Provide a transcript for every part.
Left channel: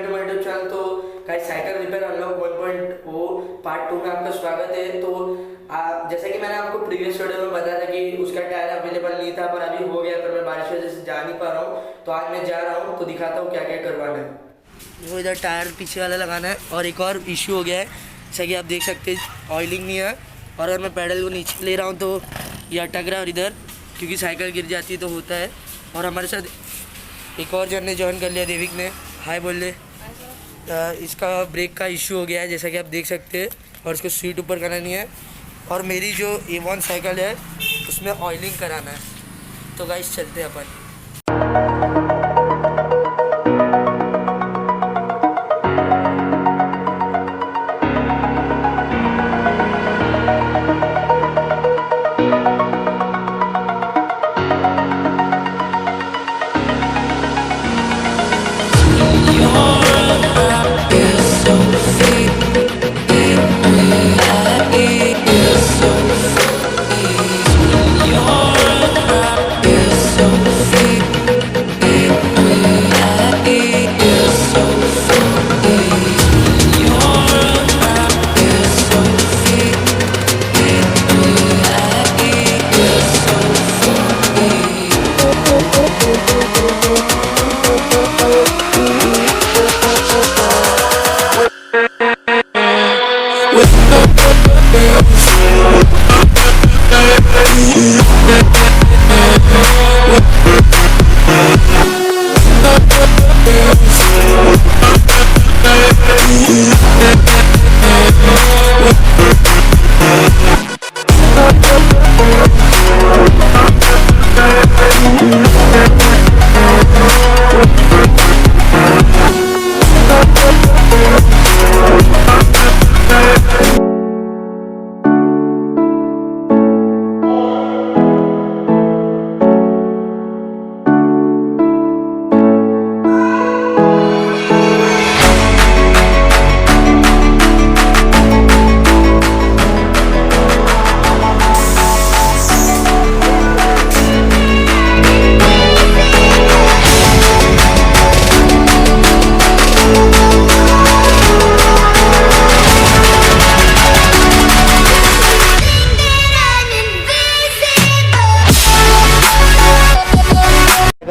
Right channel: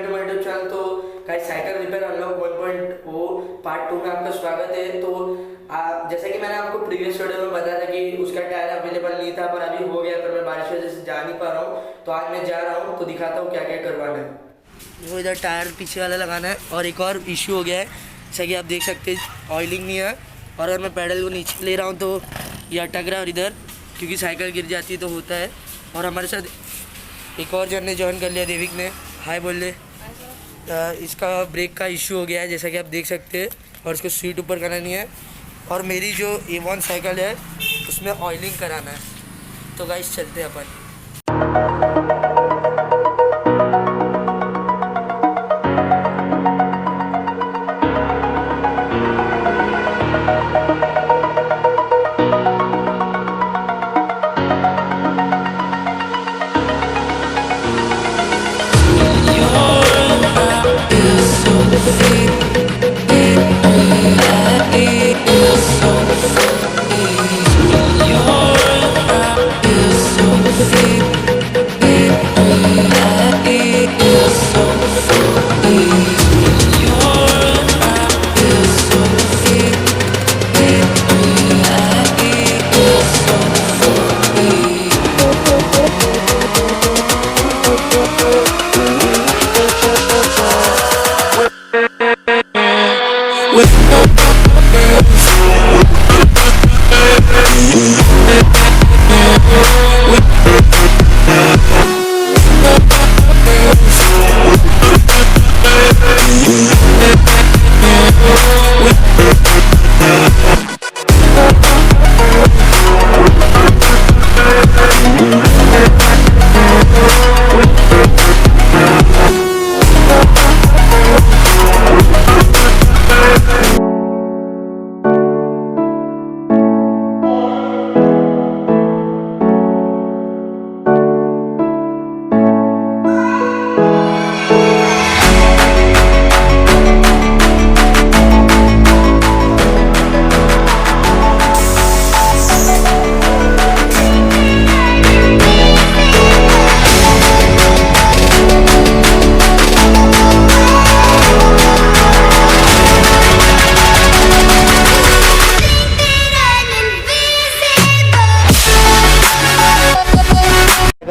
Back to my YouTube channel. तो guys cycle repair unlock 1.0 part 2 में आपका स्वागत है। तो जैसे कि मैंने आपको प्रीवियस वीडियो में बताया था कि उसका टायर अवेलेबल नहीं था, पर अभी हो गया, पर मैं बारिश की वजह से जा नहीं पा रहा हूँ। तो आज मैं जा रहा हूँ, तो दिखाता हूँ क्या क्या करवाना है। वो इधर टायर पीछे वाला लगाना है और एक और इशू हो गया है, जैसा कि आप देख सकते हैं ऑयलिंग नहीं है। और अगर मैं पैडल को नीचे ले रहा हूँ तो ये अटक रहा है, और इधर क्योंकि साइकिल गिर जाती है तो होता है। और हमारे साथ एक और जन ने ज्वाइन कर लिया, देविक ने। हाय बोल ले। इसका ब्रेक का इशू हो गया है, जैसा कि आप देख सकते हैं, और इसको सीट ऊपर करानी है। और मेरी जो A1 साइकिल है उसमें ऑयलिंग कराना है। तो गाइस चलते हैं अपन।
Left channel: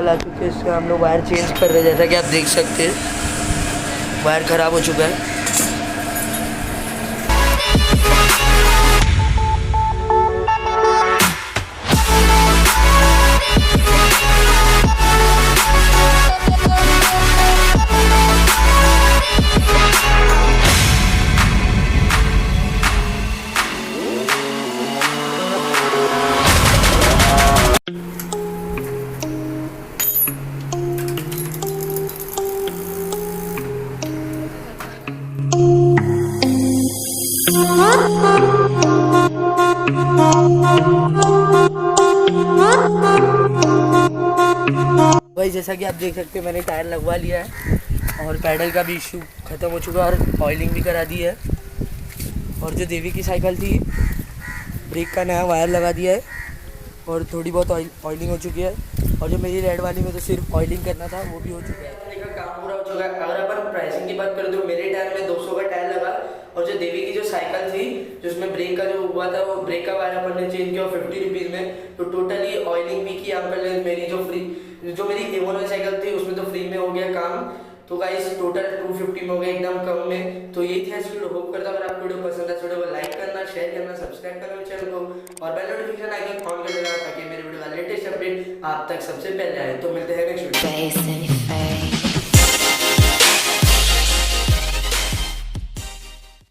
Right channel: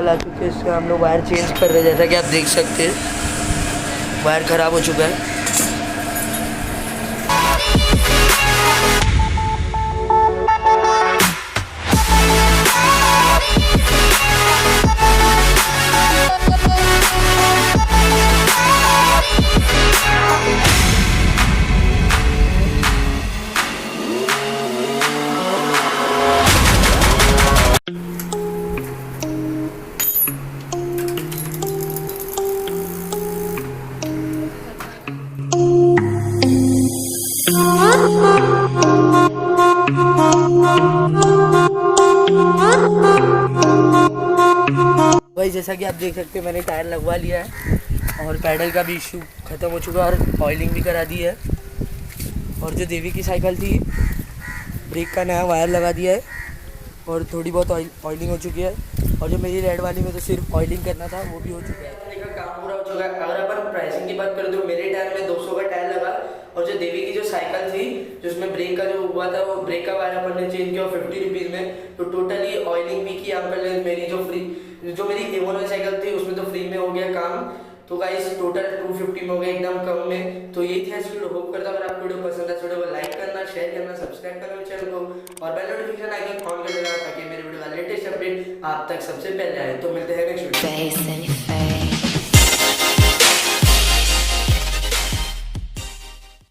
आ चुके हैं, इसका हम लोग वायर चेंज कर रहे हैं। जैसा कि आप देख सकते हैं वायर ख़राब हो चुका है। भाई जैसा कि आप देख सकते हैं मैंने टायर लगवा लिया है और पैडल का भी इशू ख़त्म हो चुका है और ऑयलिंग भी करा दी है। और जो देवी की साइकिल थी, ब्रेक का नया वायर लगा दिया है और थोड़ी बहुत ऑयलिंग हो चुकी है। और जो मेरी रेड वाली में तो सिर्फ ऑयलिंग करना था वो भी हो चुका है। काम पूरा हो चुका है। अगर अपन प्राइसिंग की बात करें तो मेरे टायर में 200 का टायर लगा, और जो देवी की जो साइकिल थी जिसमें ब्रेक का जो हुआ था वो ब्रेक का वायर अपन ने चेंज किया 50 रुपीज़ में। तो टोटली ऑयलिंग भी की यहाँ पर। मेरी जो मेरी A1 वाली साइकिल थी उसमें तो फ्री में हो गया काम। तो गाइस टोटल 250 में हो गया, एकदम कम में। तो ये थी आज वीडियो। होप करता हूँ अगर आपको वीडियो पसंद है तो वीडियो को लाइक करना, शेयर करना, सब्सक्राइब करना चैनल को, और बेल नोटिफिकेशन आइकन ऑन कर देना ताकि मेरे वीडियो का लेटेस्ट अपडेट आप तक सबसे पहले आए। तो मिलते हैं नेक्स्ट वीडियो।